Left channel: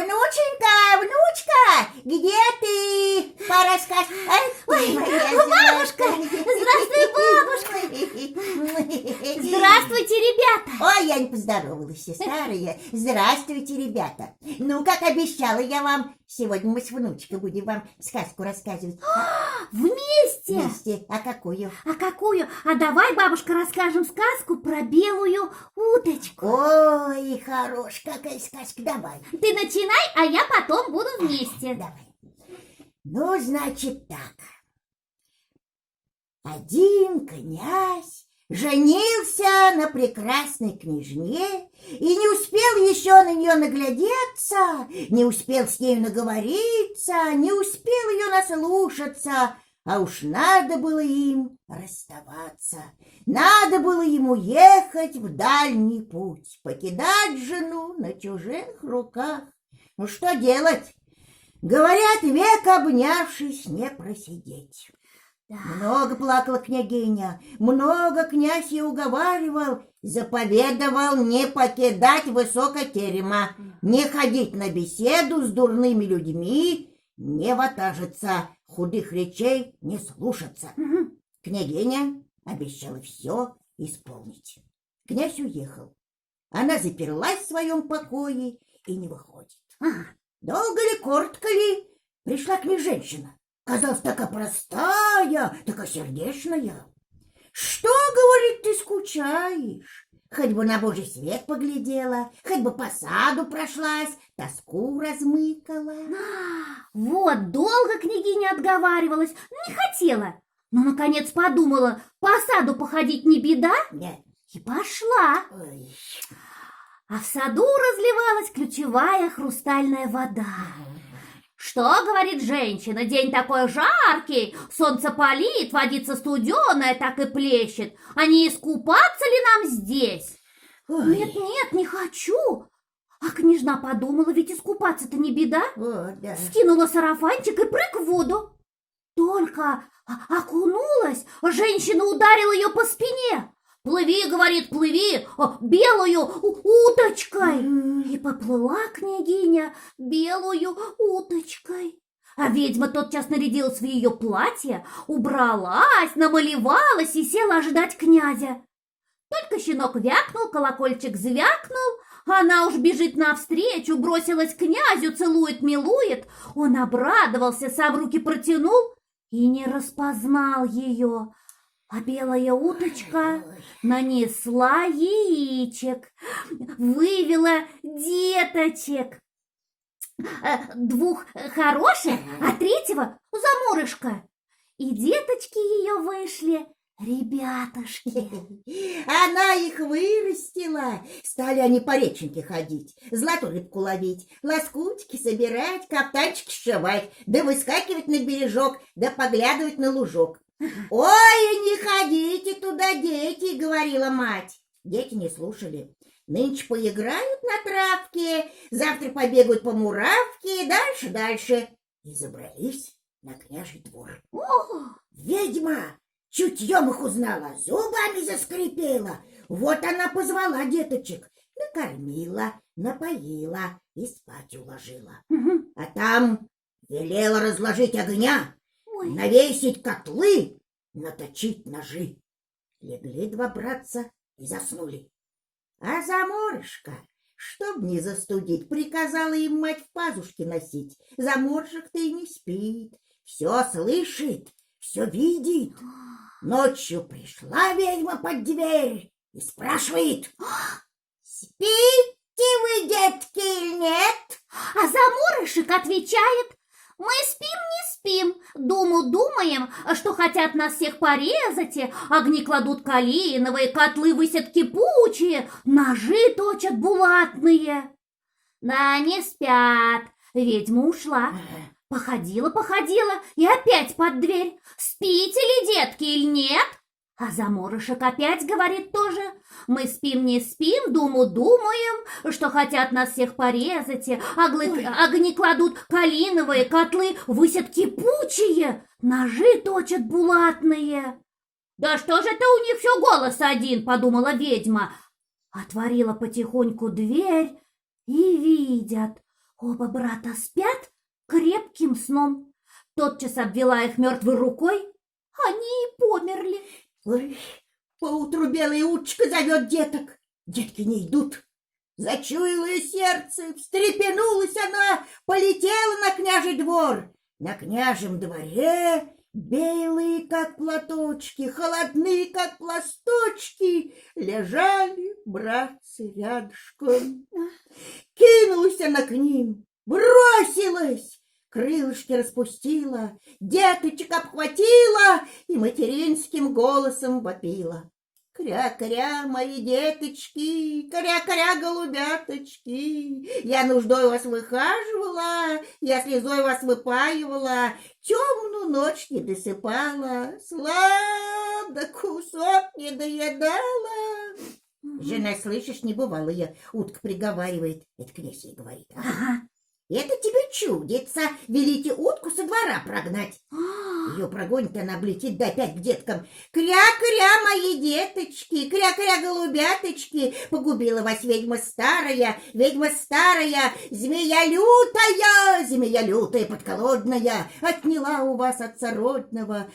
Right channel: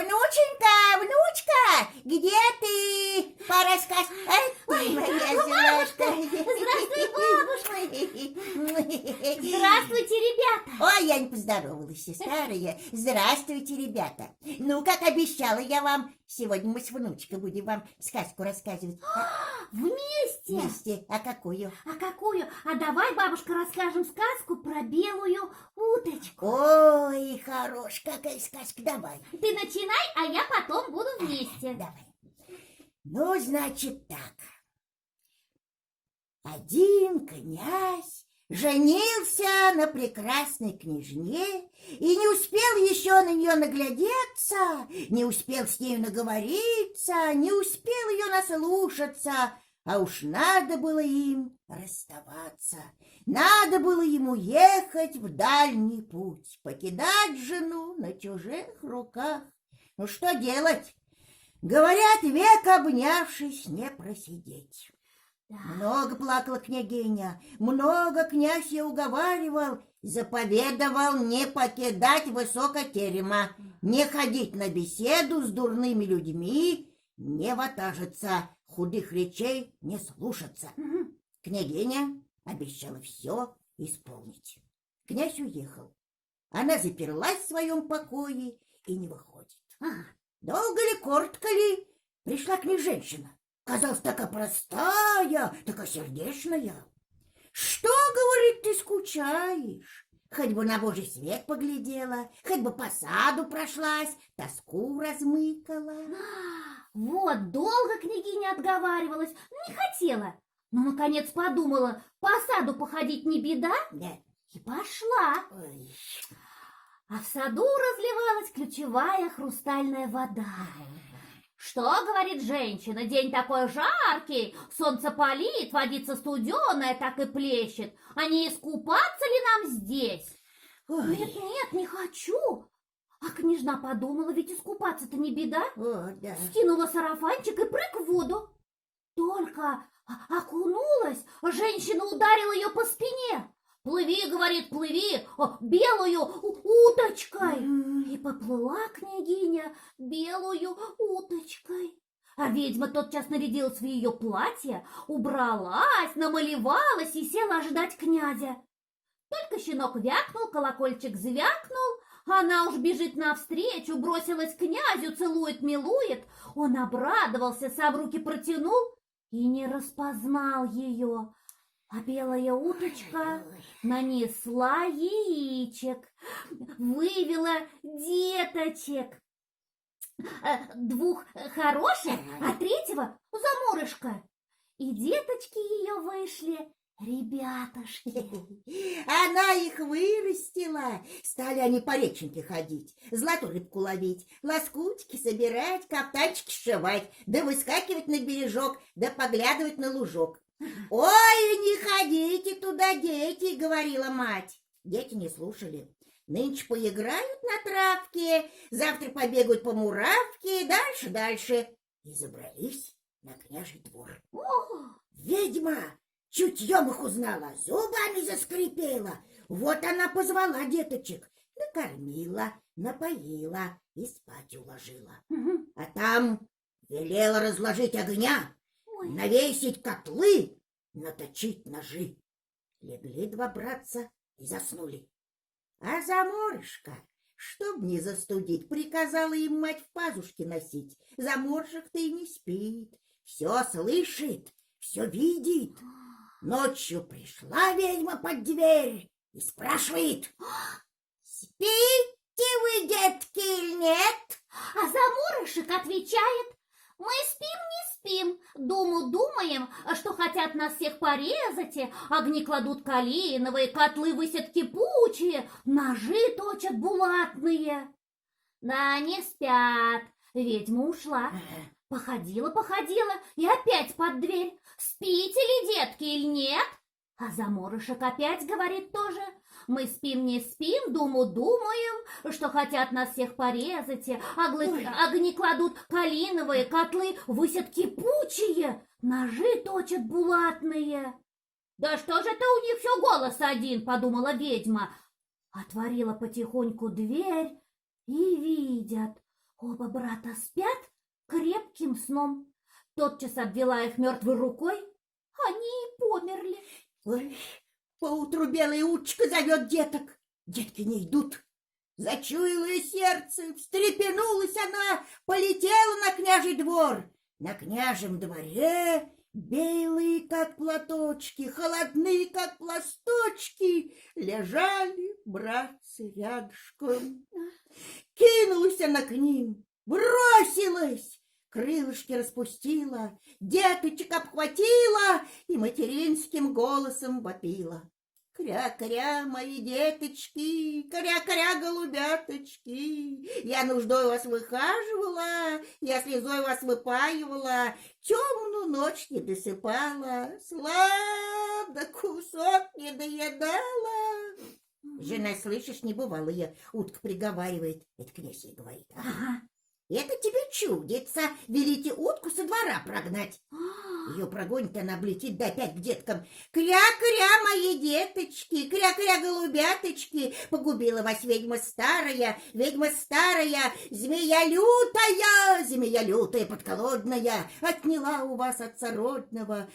Внученька, внучка, где ты? Пора сказать. Ой, бабушка! Здравствуй, бабушка! Здравствуйте, ребята! Ой, я не поздоровалась, все старые. Здравствуйте, ребята. Ну, как обещала я вам, сегодня мы с внучкой будем вам сказку рассказывать. Вместе? Вместе. А какую? А какую? А давай, бабушка, расскажем сказку про белую уточку. Ой, хорош, какая сказка, давай. Ты начинай, а я потом буду вместе. Давай. Ну, значит так. Один князь женился на прекрасной княжне и не успел еще на нее наглядеться, не успел с нею наговориться, не успел ее наслушаться, а уж надо было им расставаться. Надо было ему ехать в дальний путь, покидать жену на чужих руках. Ну что делать? Говорят, век обнявшись не просидеть. Много плакала княгиня, много князь ее уговаривал, заповедовал не покидать высоко терема, не ходить на беседу с дурными людьми, не ватажиться, худых речей не слушаться. Княгиня обещала все исполнить. Князь уехал. Она заперлась в своем покое и не выходит. Долго ли, коротко ли, пришла к ней женщина. Казалось, такая простая, такая сердечная. Что, говорит, ты скучаешь? Хоть бы на Божий свет поглядела, хоть бы по саду прошлась, тоску размыкала. Вот, долго княгиня отговаривалась, не хотела. Но, наконец, подумала, по саду походить не беда, Нет. И пошла. Ой. А в саду разливалась ключевая хрустальная вода. Что, говорит женщина, день такой жаркий, солнце палит, водица студеная так и плещет, а не искупаться ли нам здесь? Ой. Нет, не хочу. А княжна подумала, ведь искупаться-то не беда. О, да. Скинула сарафанчик и прыг в воду. Только окунулась, женщина ударила ее по спине. «Плыви, — говорит, — плыви, белую уточкой!» И поплыла княгиня белую уточкой. А ведьма тотчас нарядилась в ее платье, убралась, намалевалась и села ожидать князя. Только щенок вякнул, колокольчик звякнул, она уж бежит навстречу, бросилась к князю, целует, милует. Он обрадовался, сам руки протянул и не распознал ее. А белая уточка нанесла яичек, вывела деточек. Двух хороших, а третьего заморышка. И деточки ее вышли ребятушки. Она их вырастила. Стали они по реченьке ходить, золотую рыбку ловить, лоскутики собирать, каптанчики сшивать, да выскакивать на бережок, да поглядывать на лужок. «Ой, не ходите туда, дети!» — говорила мать. Дети не слушали. Нынче поиграют на травке, завтра побегают по муравке, дальше. И забрались на княжий двор. Ведьма чутьем их узнала, зубами заскрипела. Вот она позвала деточек, накормила, напоила и спать уложила. А там велела разложить огня, навесить котлы, наточить ножи. Легли два братца и заснули. А заморышка, чтоб не застудить, приказала им мать в пазушке носить. Заморышек-то и не спит, все слышит, все видит. Ночью пришла ведьма под дверь и спрашивает: «Спите вы, детки, или нет?» А заморышек отвечает: «Мы спим, не спим, думаем, что хотят нас всех порезать, огни кладут калиновые, котлы высят кипучие, ножи точат булатные». Да не спят, ведьма ушла. Походила и опять под дверь. «Спите ли, детки, или нет?» А заморышек опять говорит тоже: «Мы спим, не спим, думаем, что хотят нас всех порезать, огни кладут калиновые, котлы высят кипучие, ножи точат булатные». «Да что же это у них все голос один?» — подумала ведьма. Отворила потихоньку дверь и видят: Оба брата спят крепким сном. Тотчас обвела их мертвой рукой, они и померли. Ой, поутру белая уточка зовет деток. Детки не идут. Зачуяло ее сердце, встрепенулась она, полетела на княжий двор. На княжем дворе белые, как платочки, холодные, как пласточки, лежали братцы рядышком. Кинулась она к ним, бросилась, крылышки распустила, деточек обхватила и материнским голосом вопила. Кря-кря, мои деточки, кря-кря, голубяточки, я нуждой вас выхаживала, я слезой вас выпаивала, темную ночь не досыпала, сладок кусок не доедала. Жена, слышишь, не бывало я, утка приговаривает, это князь ей говорит. Ага. Это тебе чудится, велите утку со двора прогнать. Ее прогонит, она облетит, да опять к деткам. Кря-кря, мои деточки, кря-кря, голубяточки, погубила вас ведьма старая, змея лютая подколодная, отняла у вас отца родного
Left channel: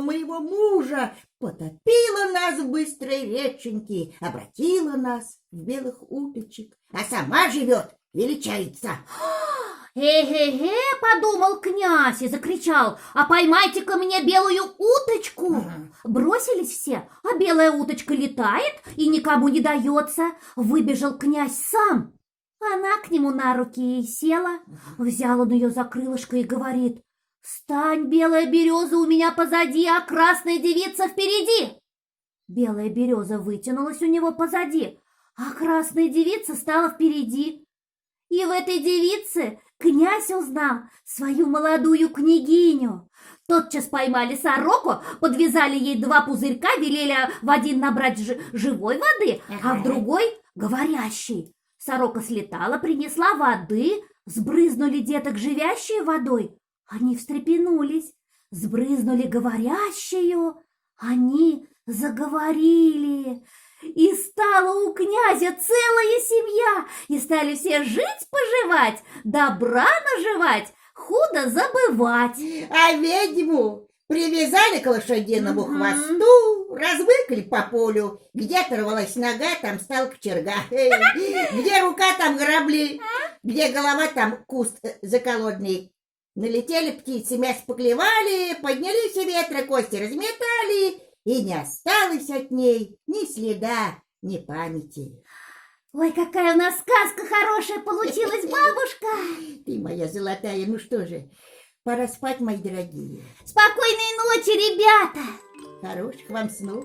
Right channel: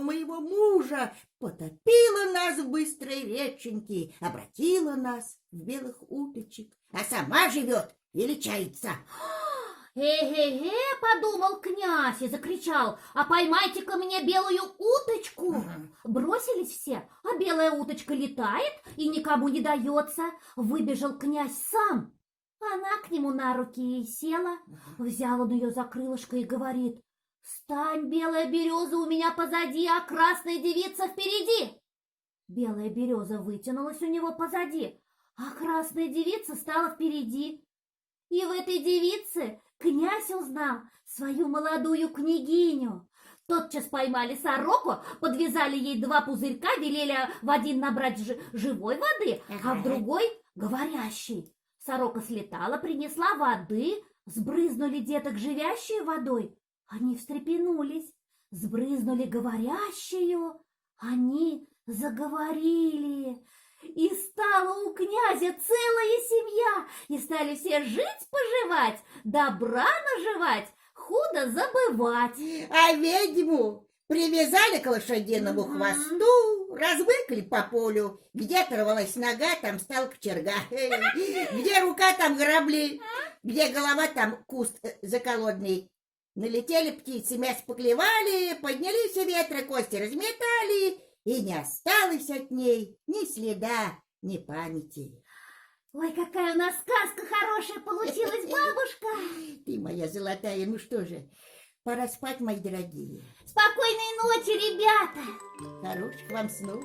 моего мужа, потопила нас в быстрой реченьке, обратила нас в белых уточек, а сама живет, величается. «Э-э-э!» — подумал князь и закричал: «А поймайте-ка мне белую уточку!» Бросились все, а белая уточка летает и никому не дается. Выбежал князь сам. Она к нему на руки и села. Взял он ее за крылышко и говорит: «Стань, белая береза, у меня позади, а красная девица впереди!» Белая береза вытянулась у него позади, а красная девица стала впереди. И в этой девице князь узнал свою молодую княгиню. Тотчас поймали сороку, подвязали ей 2 пузырька, велели в один набрать живой воды, а в другой — говорящей. Сорока слетала, принесла воды, сбрызнули деток живящей водой. Они встрепенулись, сбрызнули говорящую, они заговорили. И стала у князя целая семья, и стали все жить-поживать, добра наживать, худо забывать. А ведьму привязали к лошадиному хвосту, разбыкали по полю, где оторвалась нога, там стал кочерга, где рука, там грабли, где голова, там куст заколодный. Налетели птицы, мясо поклевали, поднялись ветры, кости разметали, и не осталось от ней ни следа, ни памяти. Ой, какая у нас сказка хорошая получилась, бабушка! Ты моя золотая, ну что же, пора спать, мои дорогие. Спокойной ночи, ребята! Хороших вам снов.